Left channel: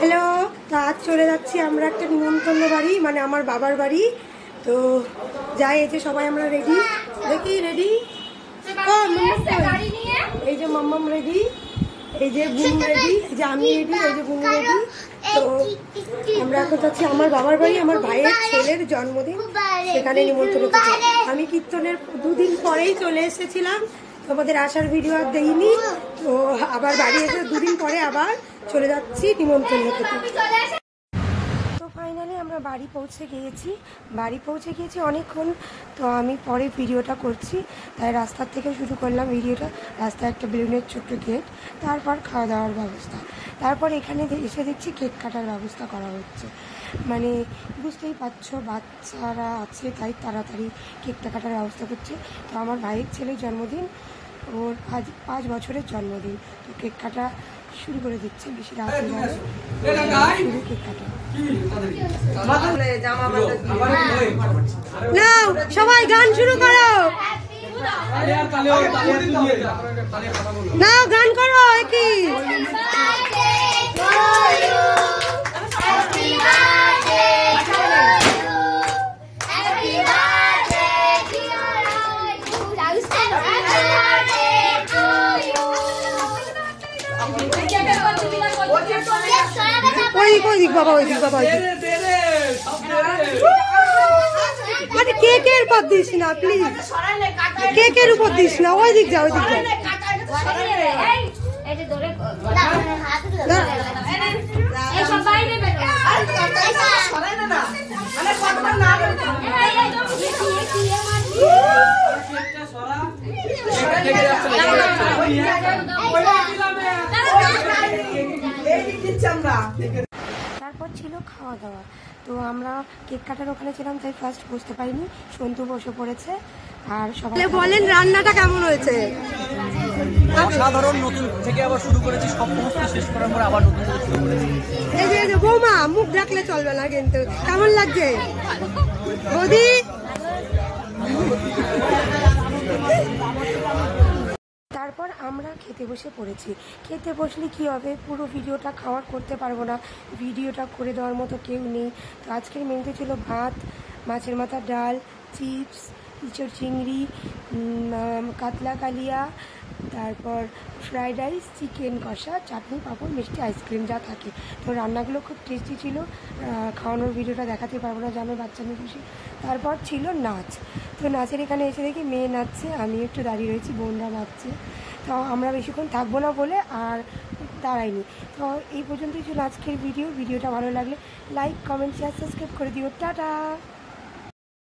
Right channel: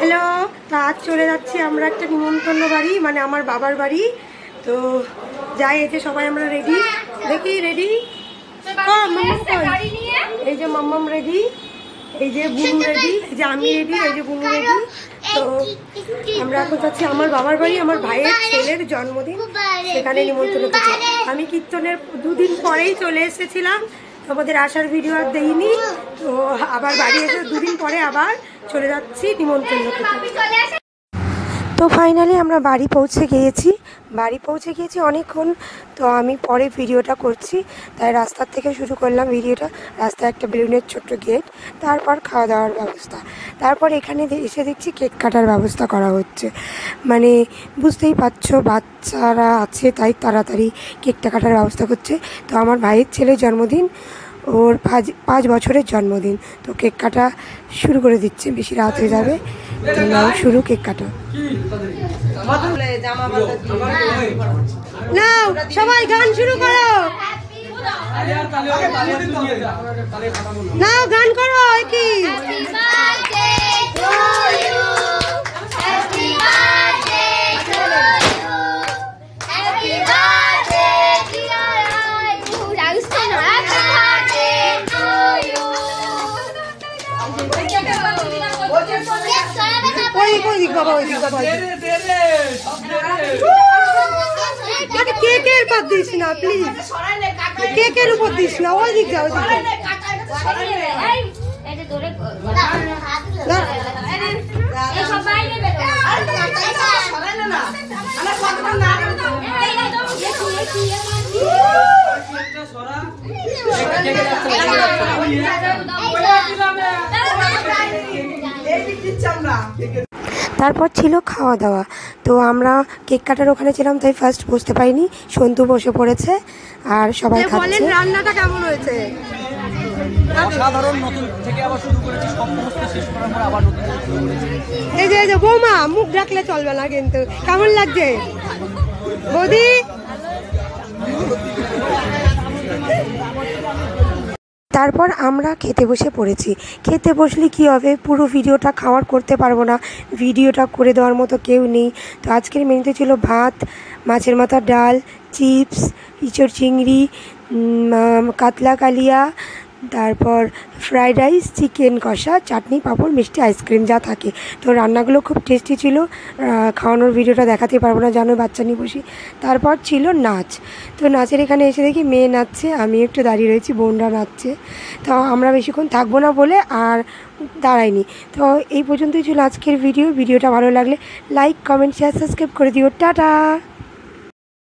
Hello, তো আজ চলে যাচ্ছি আমরা একটা নিমন্ত্রণ বাড়ি, মানে আমার বাবার বাড়ি। তো যাই, এই যে সবাই আমরা রেডি, দেখি রেডি। এই যে মাম্মাম রেডি, এই যে বুনু রেডি, এই যে আমি রেডি, এই যে বুনু রেডি। তো আমরা এখন যাচ্ছি আমার বাবার বাড়ি, আমার ভাইয়ের ছেলের জন্মদিন, সেখানে নিমন্ত্রণ করতে। আমি কীর্তনের 2 দিন পরেই চলে এসেছিলাম, তোমাদের আসার ভিডিও আর দেইনি। তো আবার বাড়ি এসে 2 দিন পরে আবার চলে যাচ্ছি নিমন্ত্রণ করতে। তো ফাইনালি আমরা বাড়ি পৌঁছে গিয়েছি অনেকক্ষণ। তো আমি পরে ভিডিওটা করছি, তাই রাস্তার থেকে শুরু করলাম ভিডিওটা। রাস্তায় একটা বেলুনের ছোট্ট গেট, তারপর খাওয়া দাওয়ার ব্যবস্থা, তারপর এখানে এসে দেখছি কেক কাটার ব্যবস্থা করা হচ্ছে। মানে বুঝতেই পারছো, বাচ্চারা আছে তাই তাড়াতাড়ি কেকটা কাটার ব্যবস্থা করছে। তো আমার ভাইয়ের ছেলের জন্মদিন, ওর 5 বছরের জন্মদিন। তো কেক কাটা শুরু করে দিচ্ছে, বেশি রাত হয়ে যাবে। শুরু কেক কাটা। নাও সবাই গান শুরু করো, নাও গান করো। কি মানে কেকের পর দিস না প্লিজ, কেকের উপর দিস না, ওই দিক যাও, ওই দিক তারপর ছিল খাওয়া দাওয়া। তো আমরা কেক কাটার ওখানে ছিলাম, তাই ফার্স্ট বসতে পারিনি। সন্তু বসে পড়েছে আর সবাই বলেন রান্নাটা কেমন হয়েছে। অসাধারণ, নতুন থেকে আবার শুরু করেছি, সব সমস্ত শেষ করার পর আবার এই যে বৌমা মুখ ডাকলে চলবে না কিন্তু। কেমন লাগছে বৌদি? তারপর আমরা খেতে বসে পড়েছি। খেতে বসলে কি হবে, পুরো ভিডিওটা খাওয়ার করতে পারবো না, ভিডিওটা করে দেওয়ার মতো কেউ নেই। তো আজকের মেনুতে ছিল ভাত, মাছের মাথার ডাল, চিপস, ইঁচড় চিংড়ি, কাতলা কালিয়া, তারপর ফ্রাইড রাইস, চিকেন কষা, চাটনি, পাঁপড়, মিষ্টি, আইসক্রিম, যা থাকে। তো রান্নাগুলো খুব টেস্টি ছিল। খাওয়ানোর ভিডিওটা দেখাতে পারবো না, জানো বাচ্চা নিয়ে বসি। তারপর ছিল নাচ। তো নাচের এখানে এসে দেখি মেয়ে নাচছে, আমি একটু দাঁড়িয়ে রয়েছি, বোনরা নাচছে। তো আমরা বেশিক্ষণ থাকবো না বলে আর দাঁড়াইনি। তো এই পর্যন্তই ছিল আজকের ভিডিওটা ভালো লাগলে লাইক, কমেন্ট, শেয়ার, সাবস্ক্রাইব করে দিও। টাটা।